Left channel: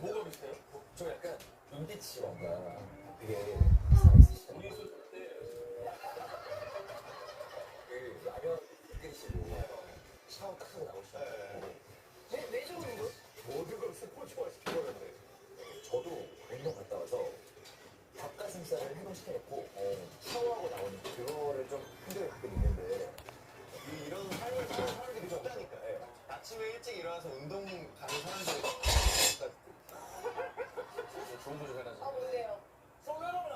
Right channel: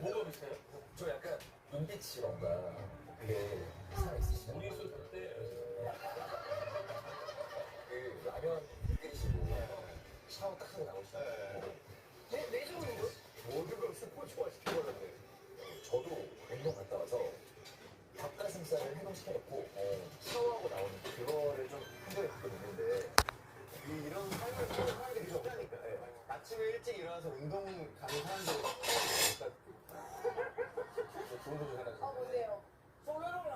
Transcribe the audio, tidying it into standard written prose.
뭐가 비슷해요? 저 약간 눈빛이 뭔가 되게 살아있으시잖아요. 우리 있을 때 그 라면 끓이시고 샤워 딱 하고 나오시잖아요. 왜 저러는 거야? 모든 걸 스포츠화 시키려는데 저도 운동 갔다 와서 닭가슴살을 해동시켜놓고 샤워하고 나오는 그거를 좀 흔적이 가끔 있는데 이런 삶을 사는 사람들이 있다니까. 예. 아침에 일찍 일어나서 운동 가는 사람들이 좋은 소식 하나 아, 뭔데요? 성현아가